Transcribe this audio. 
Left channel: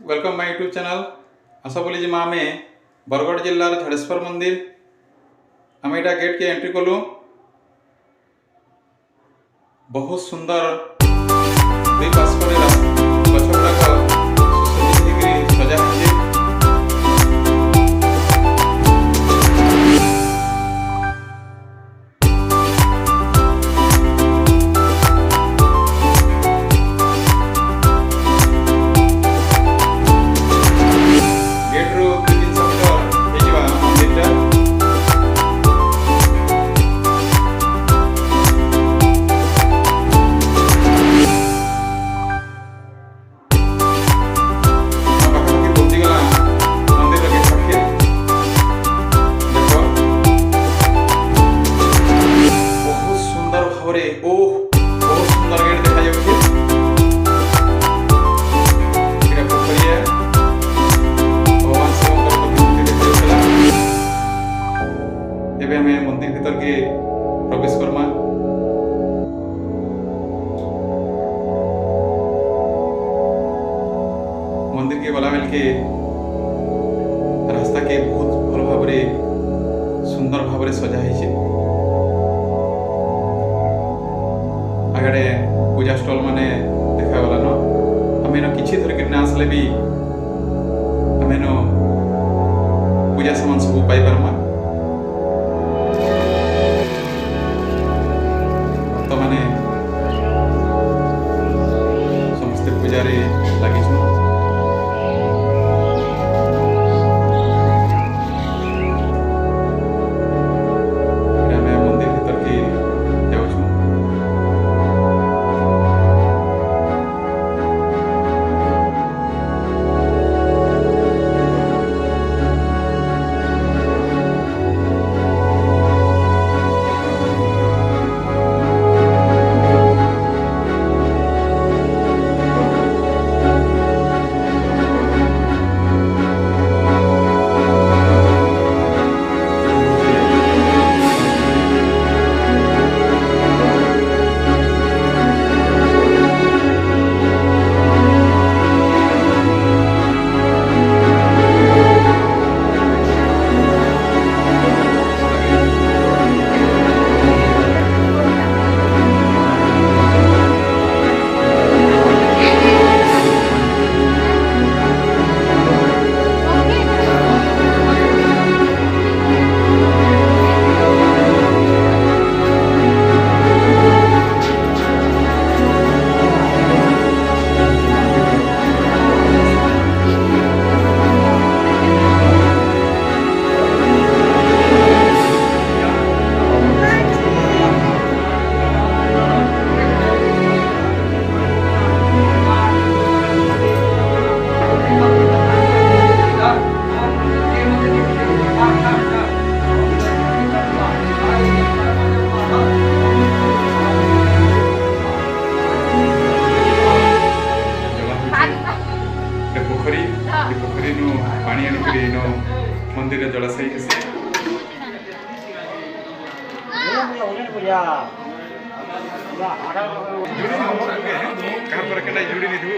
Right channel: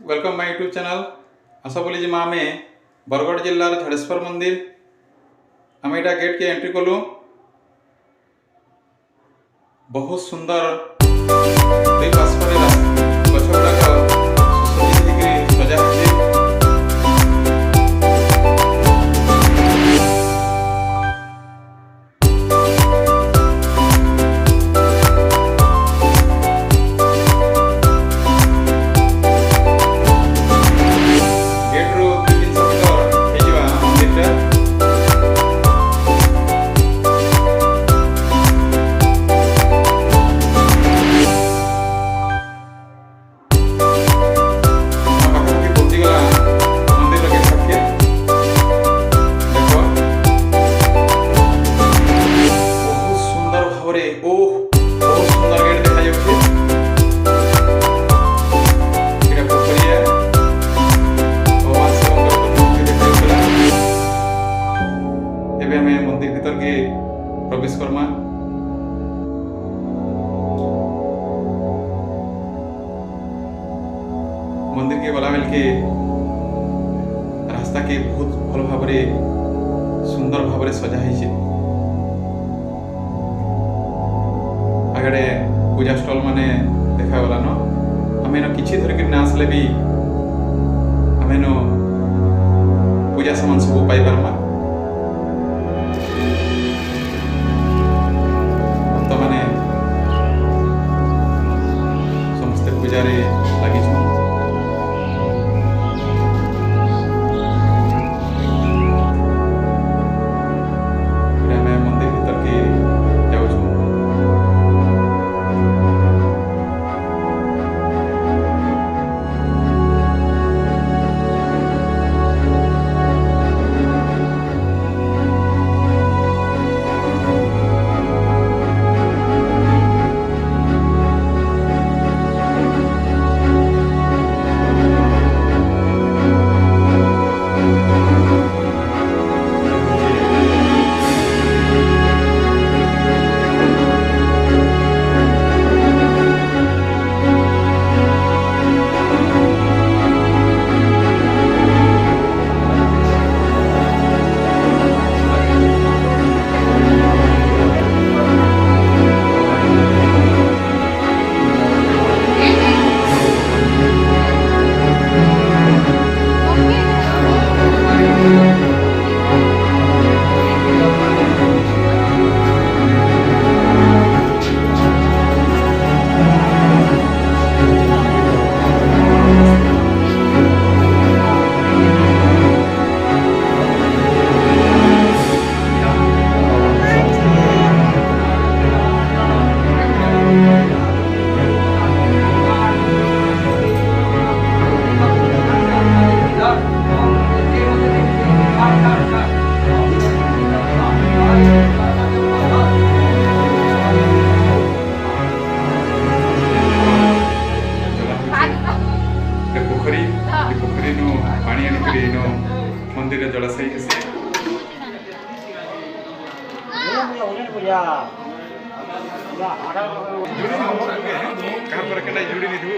Welcome my YouTube channel आशा बोली जी आमे बरगढ़ जिल्लार झाड़ेश्वर मंदिर आम यहाँ गेट के एंट्री कलु बहुत सुंदर दुई पार्श्वर गछ गुड़ाक सुसज्जित सजा है। बहुत सुंदर गेट देखा जाउछि एटा पोखरिया भगवान शिवंकर प्रतिमूर्ति देखा जाउछला। एबे हमें मंदिर भीतर के प्रवेश करमा। मंदिर के गला बेल के रास्ता के बहुत भल भाव सुंदर भाव सजा है। आगड़े पूजा स्टॉल माने देखा गला न आम इन कि धरिक ना आसले भी आम इन पूजा सामान सब पाई पारमा। भक्त माने समस्ते पूजारे लगी। मंदिर भीतर के जाऊँ पोखरी नु पानी आनिक मंदिर जलाशय जुड़ी नहीं